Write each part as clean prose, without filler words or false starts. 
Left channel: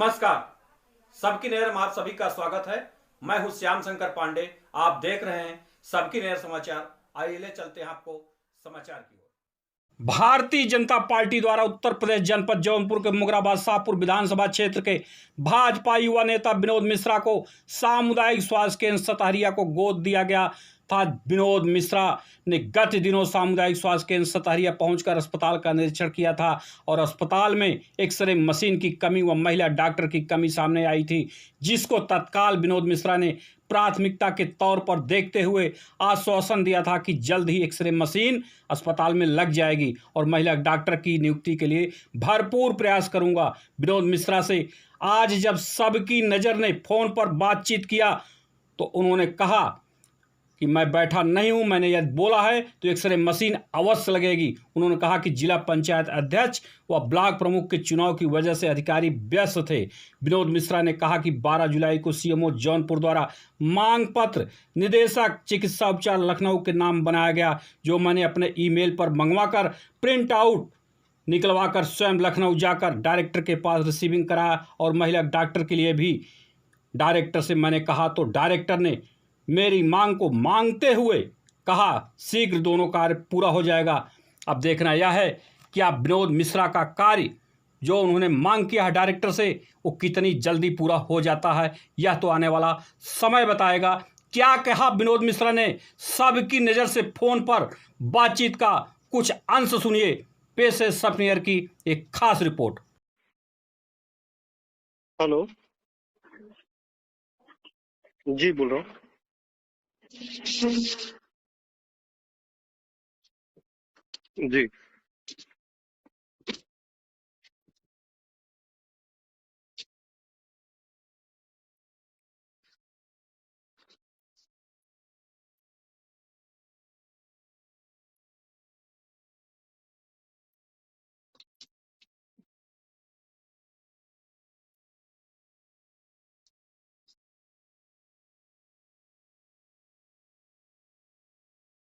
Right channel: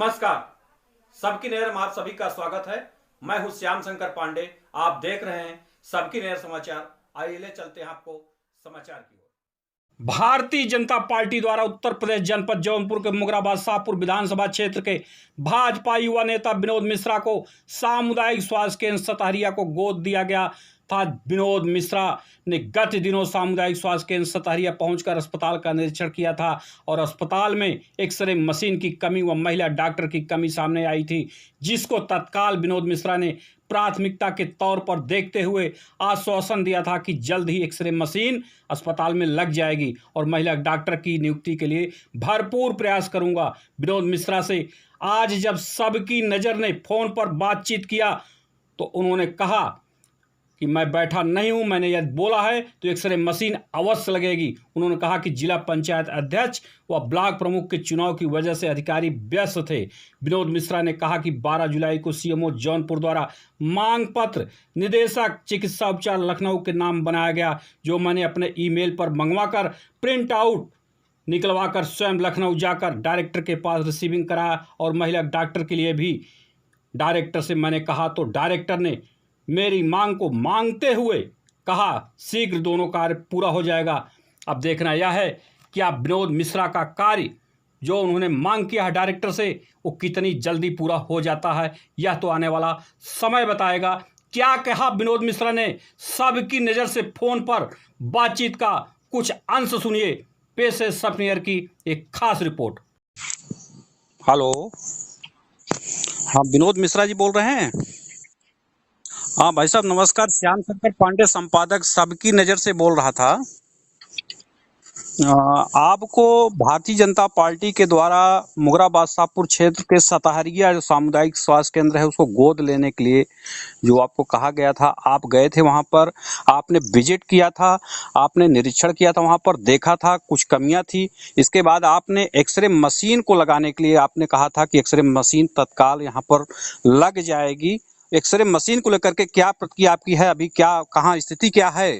नमस्कार। सबकी नज़र में आप सभी का स्वागत है। मैं हूं श्याम शंकर पांडे। आप देख रहे हैं सबकी नज़र समाचार। आइए ले चलते हैं आपको समाचार की ओर। भारतीय जनता पार्टी द्वारा उत्तर प्रदेश जनपद जौनपुर के मुगराबाद शाहपुर विधानसभा क्षेत्र के भाजपा युवा नेता विनोद मिश्रा को सामुदायिक स्वास्थ्य केंद्र सतहरिया को गोद दिया गया था। विनोद मिश्रा ने गत दिनों सामुदायिक स्वास्थ्य केंद्र सतहरिया पहुंचकर अस्पताल का निरीक्षण किया था और अस्पताल में एक्सरे मशीन की कमी व महिला डॉक्टर की कमी सामने आई थी, जिसको तत्काल विनोद मिश्रा ने प्राथमिकता के तौर पर देखते हुए आश्वासन दिया था कि जल्द ही एक्सरे मशीन अस्पताल में लग जाएगी और महिला डॉक्टर की नियुक्ति के लिए भरपूर प्रयास करूंगा। विनोद मिश्रा से आज जब सबकी नज़र ने फोन पर बातचीत किया तो उन्होंने कहा कि मैं बैठा नहीं हूं, मैंने यदि बोला है तो एक्सरे मशीन अवश्य लगेगी। उन्होंने कहा कि जिला पंचायत अध्यक्ष व ब्लॉक प्रमुख के चुनाव की वजह से अधिकारी व्यस्त थे। विनोद मिश्रा ने कहा कि 12 जुलाई को सीएमओ जौनपुर द्वारा मांग पत्र निदेशक चिकित्सा उपचार लखनऊ के नाम बनाया गया, जो मैंने अपने ईमेल पर मंगवाकर प्रिंट आउट निकलवाकर स्वयं लखनऊ जाकर डायरेक्टर के पास रिसीविंग कराया और महिला डॉक्टर के लिए भी डायरेक्टर से मैंने कहा तो डायरेक्टर ने मेरी मांग को मांगते हुए कहा शीघ्र दोनों कार्य पूरा हो जाएगा। अब देखना यह है कि आप विनोद मिश्रा का कार्य जो उन्होंने मांग किया है डायरेक्टर से वो कितनी जल्दी पूरा हो जाता है, यह तो आने वाला समय बताएगा। क्या कहा विनोद मिश्रा ने सबकी नज़र से फोन पर बातचीत का कुछ अंश सुनिए। पेश है सब न्यूज़ की एक खास रिपोर्ट। हेलो। हाँ, विनोद मिश्रा जी बोल रहे हैं? जी बोल रहा हूँ। हाँ भाई साहब नमस्कार। श्याम शंकर पांडे संपादक सबकी नज़र से बोल रहा था जी। आपको भारतीय जनता पार्टी के द्वारा मुगराबाद शाहपुर क्षेत्र के सतहरिया जो सामुदायिक स्वास्थ्य केंद्र है उसको गोद लेने के लिए जो आपको कहा गया था, आप गए थे वहां पर, आपने विजिट किया था, आपने निरीक्षण किया था, वहां पर देखा था कुछ कमियां थी। इसके बाद आपने एक्सरे मशीन को लगाने के लिए आपने कहा था कि एक्सरे मशीन तत्काल यहाँ पर लग जाएगी। एक्सरे मशीन को लेकर के क्या प्रतिक्रिया आपकी है? अभी क्या कहाँ स्थिति क्या है?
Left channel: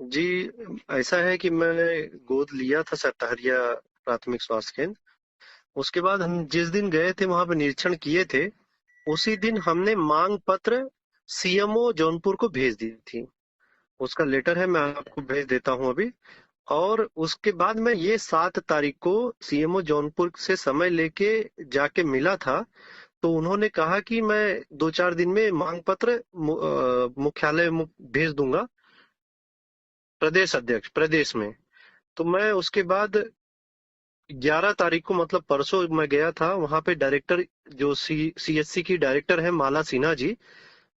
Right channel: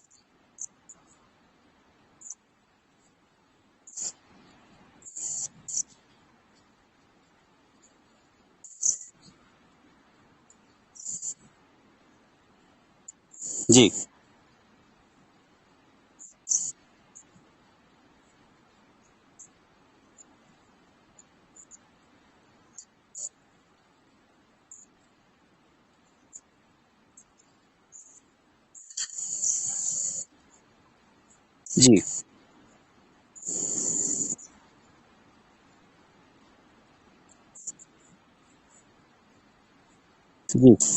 जी, ऐसा है कि मैंने गोद लिया था सतहरिया प्राथमिक स्वास्थ्य केंद्र। उसके बाद हम जिस दिन गए थे वहां पे निरीक्षण किए थे, उसी दिन हमने मांग पत्र सीएमओ जौनपुर को भेज दी थी। जी, उसका लेटर है, मैं आपको भेज देता हूं अभी। और उसके बाद मैं ये 7 तारीख को सीएमओ जौनपुर से समय लेके जाके मिला था, तो उन्होंने कहा कि मैं 2-4 दिन में मांग पत्र मुख्यालय भेज दूंगा प्रदेश अध्यक्ष प्रदेश में। जी, तो मैं उसके बाद 11 तारीख को मतलब परसों मैं गया था वहां पे। डायरेक्टर जो सीएचसी की डायरेक्टर है माला सिन्हा जी,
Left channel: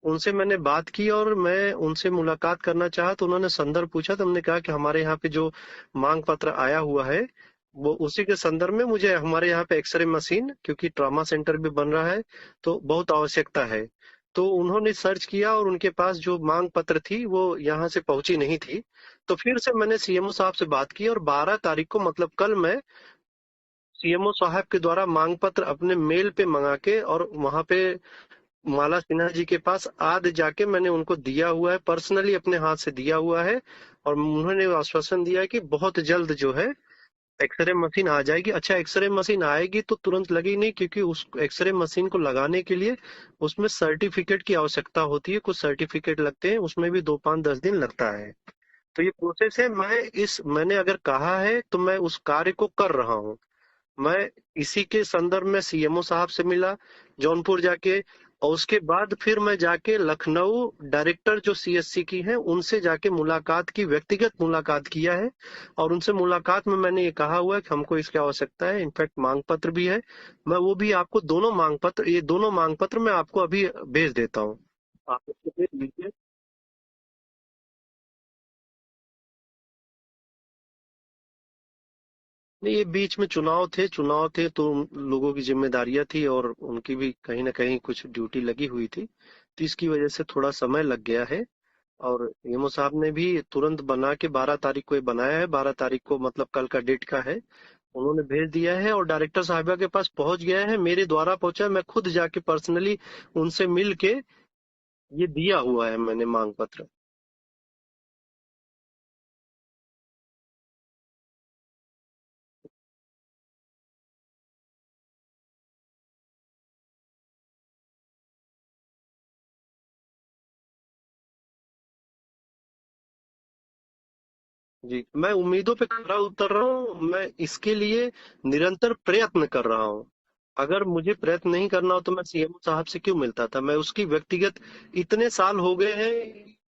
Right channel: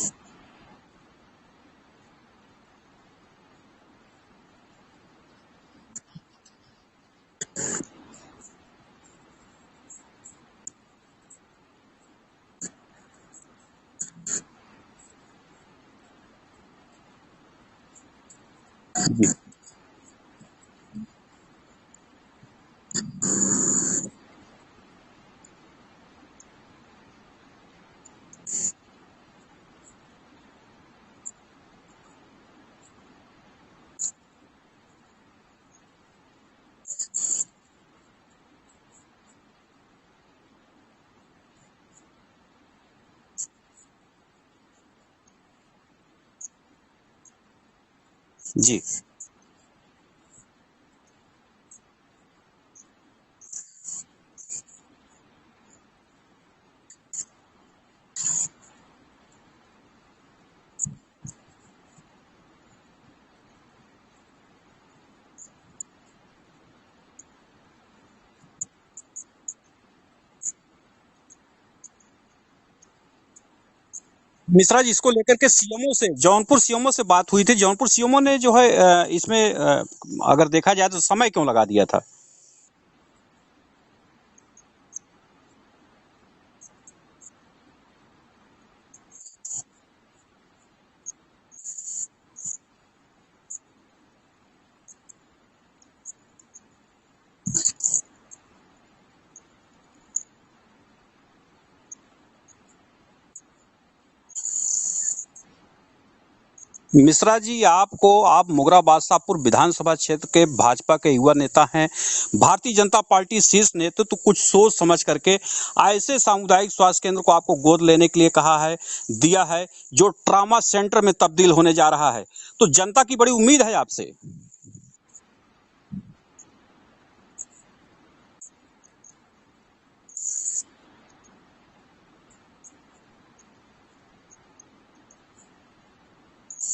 उनसे मैंने बात की और मैं उनसे मुलाकात करना चाहा तो उन्होंने संदर्भ पूछा। तो हमने कहा कि हमारे यहाँ पे जो मांग पत्र आया हुआ है वो उसी के संदर्भ में मुझे हमारे यहाँ पे एक्सरे मशीन, क्योंकि ट्रॉमा सेंटर भी बन रहा है तो बहुत आवश्यकता है। तो उन्होंने सर्च किया और उनके पास जो मांग पत्र थी वो यहाँ से पहुंची नहीं थी। तो फिर से मैंने सीएमओ साहब से बात की और 12 तारीख को मतलब कल मैं सीएमओ साहब के द्वारा मांग पत्र अपने मेल पे मंगा के और वहां पे माला सिन्हा जी के पास आज जाके मैंने उनको दिया हुआ है, पर्सनली अपने हाथ से दिया हुआ है। और उन्होंने आश्वासन दिया है कि बहुत जल्द जो है एक्सरे मशीन आ जाएगी। अच्छा, एक्सरे मशीन आएगी तो तुरंत लगी नहीं, क्योंकि उस एक्सरे मशीन को लगाने के लिए उसमें सर्टिफिकेट की आवश्यकता होती है। कुछ सर्टिफिकेट लगते हैं, उसमें भी 2-5-10 दिन लगता है। जी। तो ये प्रोसेस है। मैंने अगर कहा है तो मैं उस कार्य को कर रहा हूँ। मैं इसी के संदर्भ में सीएमओ साहब से मिला जौनपुर जाके, और उसके बाद फिर मैं जाके लखनऊ डायरेक्टर जो सीएचसी की है उनसे जाके मुलाकात की, व्यक्तिगत मुलाकात किया है। और उनसे मुलाकात में मैंने ये कहा हुआ है कि हमको इसकी आवश्यकता है। इनफैक्ट मांग पत्र भी है, मैं वो भी आपको ये दोनों मांग पत्र मैं आपको अभी भेज देता हूँ। मिश्रा जी, इसको लेकर के सीएमओ से जौनपुर सीएमओ से बात हुई थी। जौनपुर सीएमओ ने जो है इसमें अगर देखा जाए तो समय क्यों लगा दिया था? नहीं, ये बीच में चुनाव थे तो लोगों की जिम्मेदारियां थी और उनकी भी कहीं ना कहीं कुछ ड्यूटी लगी हुई थी, तो इसकी वजह से थोड़ा समय लग गया है। और ईएमओ साहब ने भी तुरंत बना के 12 तारीख को ये बनाया है। 12 तारीख को मतलब कल का डेट का है, उन्होंने भेज दिया है और डायरेक्टर साहिबा के पास पहुंच गया है, मेरे द्वारा पहुंचा है। मैं खुद जाके पर्सनली उनसे मिल के ये दिया हुआ है मैंने मांग पत्र। मिश्रा जी, आप मुगरा बादशाहपुर विधानसभा क्षेत्र के भाजपा के युवा नेता हैं। भारतीय जनता पार्टी शीर्ष नेतृत्व तो कुछ सोच समझ करके ऐसे सामुदायिक स्वास्थ्य केंद्र को आपको गोद लेने के लिए कहा है, दिया है, जो ट्रामा सेंटर में तब्दील होने जा रहा है। तो जनता की बड़ी उम्मीद है आपसे। जी, मैं उम्मीदों पे खरा उतर रहा हूँ। मैं इसके लिए निरंतर प्रयत्न कर रहा हूँ। अगर मुझे प्रयत्न नहीं करना हो तो मैं सीएम साहब से क्यों मिलता था? मैं उसकी व्यक्तिगत इतने साल हो गए हैं,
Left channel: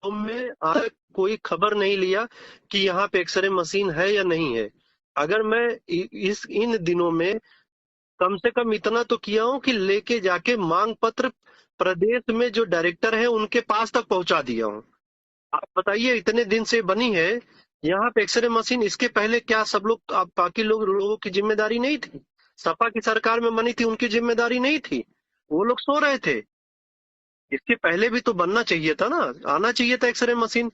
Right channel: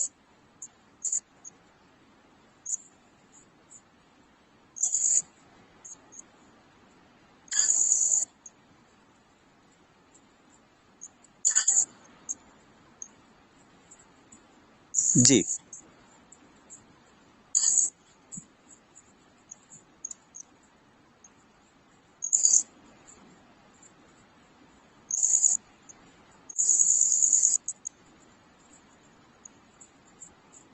तो मैं आज तक कोई खबर नहीं लिया कि यहाँ पे एक्सरे मशीन है या नहीं है। अगर मैं इन दिनों में कम से कम इतना तो किया हूँ कि लेके जाके मांग पत्र प्रदेश में जो डायरेक्टर है उनके पास तक पहुंचा दिया हूँ। जी, आप बताइए, इतने दिन से बनी है यहाँ पे एक्सरे मशीन, इसके पहले क्या सब लोग, आप बाकी लोगों की जिम्मेदारी नहीं थी? सपा की सरकार में बनी थी, उनकी जिम्मेदारी नहीं थी? वो लोग सो रहे थे। इसके पहले भी तो बनना चाहिए था ना, आना चाहिए था एक्सरे मशीन।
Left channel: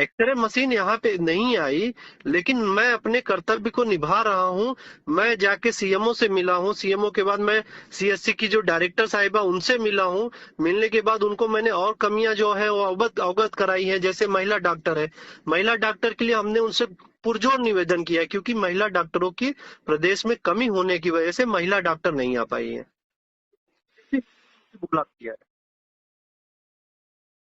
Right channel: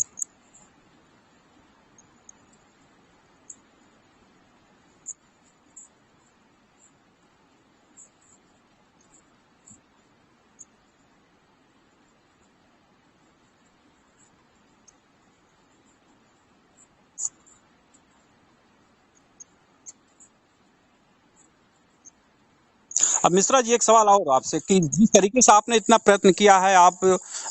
एक्सरे मशीन यहाँ पे नहीं आई, लेकिन मैं अपने कर्तव्य को निभा रहा हूँ। मैं जाके सीएमओ से मिला हूँ, सीएमओ के बाद मैं सीएससी की जो डायरेक्टर साहिबा उनसे मिला हूँ। मिलने के बाद उनको मैंने और कमियां जो है वो अवगत कराई है। जैसे महिला डॉक्टर है, महिला डॉक्टर के लिए हमने उनसे पुरजोर निवेदन किया है, क्योंकि महिला डॉक्टरों की प्रदेश में कमी होने की वजह से महिला डॉक्टर नहीं आ पाई है। अब मिश्रा जी, एक सवाल और आपसे कि जिस उपलब्ध किया। तरीके से आपने इतना प्रयत्न किया है, आप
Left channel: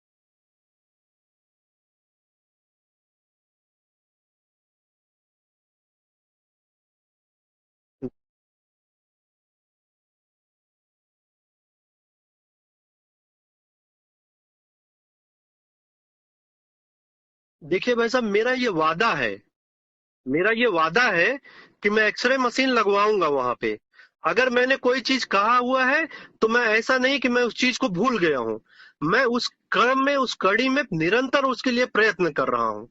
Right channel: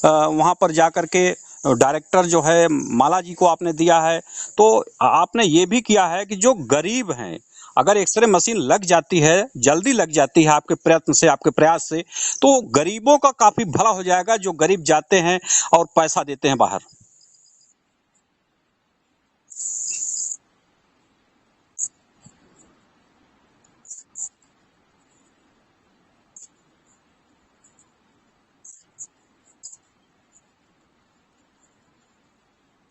वहां पर जा करके डायरेक्टर जो है माला जी को आपने दिया है, तो आपने ये भी किया है कि जो गरीब हैं, अगर एक्सरे मशीन लग जाती है, जल्दी लग जाती है आपके प्रयत्न से, आपके प्रयास से, तो गरीबों का काफी भला हो जाएगा, जो गरीब जाते हैं और पैसा देते हैं बाहर। देखिए भाई साहब, मेरा ये वादा है कि मैं एक्सरे मशीन लगवाऊंगा वहां पे। अगर मैंने कोई चीज कहा हुआ है तो मैं, ऐसा नहीं कि मैं उस चीज को भूल गया हूँ। मैं उस क्रम में, उस कड़ी में निरंतर उसके लिए प्रयत्न कर रहा हूँ।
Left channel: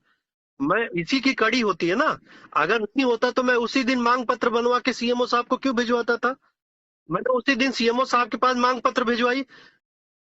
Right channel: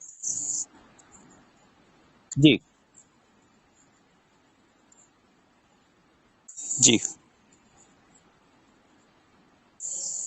मैं, इसी की कड़ी होती है ना। जी, अगर नहीं होता तो मैं उसी दिन मांग पत्र बनवा के सीएमओ साहब को क्यों भिजवाता था? जी, मैंने उसी दिन सीएमओ साहब के पास मांग पत्र भिजवाई।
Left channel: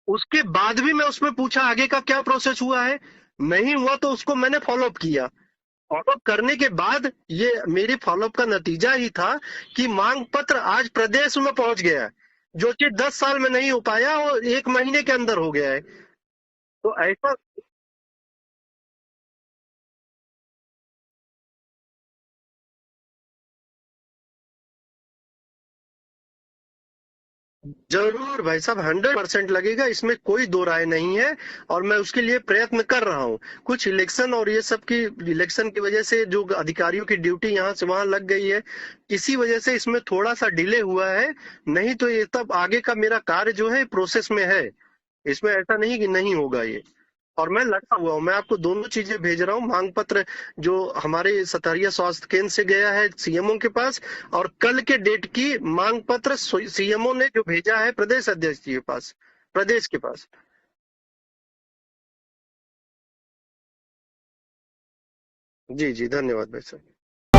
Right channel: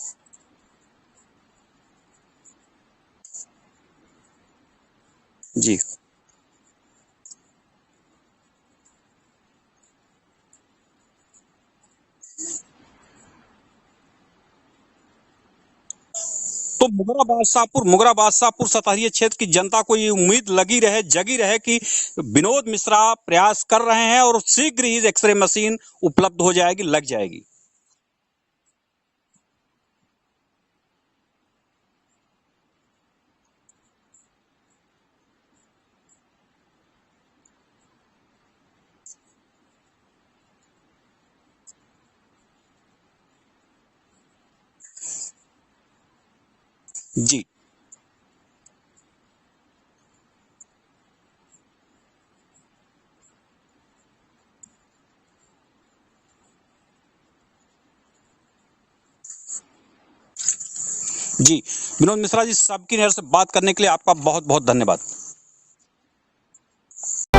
उसके बाद भी मैं उसमें पूछा आगे का क्या प्रोसेस हुआ है। नहीं हुआ तो उसको मैंने फॉलोअप किया। जी। फॉलोअप करने के बाद ये मेरी फॉलोअप का नतीजा ही था कि मांग पत्र आज प्रदेश में पहुंच गया है। जो चीज 10 साल में नहीं हो पाया वो 1 महीने के अंदर हो गया है। तो तो ऐसा, मुगरा बादशाहपुर सतहरिया क्षेत्र की जनता को ये उम्मीद लगी रहे, जगी रहे कि विनोद मिश्रा प्रयास कर रहे हैं और शीघ्र ही एक्सरे मशीन उपलब्ध हो जाएगी, लग जाएगी। जरूर भाई साहब, 100% लगेगा, इसमें कोई दो राय नहीं है। और मैं उसके लिए प्रयत्न कर रहा हूँ। कुछ इलेक्शन और ये सब की, इलेक्शन की वजह से जो अधिकारियों की ड्यूटी यहाँ से वहां लग गई है, इसी वजह से इसमें थोड़ा सा डिले हुआ है। नहीं तो ये तब आगे का मेरा कार्य जो है प्रोसेस में है। इसमें ऐसा नहीं कि नहीं होगा ये। जी, और मैं लगा हुआ हूँ, मैं आपको दोनों चीजें भेज रहा हूँ। मांग पत्र जो हमारे सतहरिया स्वास्थ्य केंद्र से गया है सीएमओ के पास, और कल के डेट की मांग पत्र सीएमओ ने जो भेजा है प्रदेश अध्यक्ष जी के पास, प्रदेश के पास। जी। विनोद मिश्रा जी, सबकी नजर से बात करने के लिए आपका बहुत बहुत धन्यवाद। जी जी, धन्यवाद भाई साहब।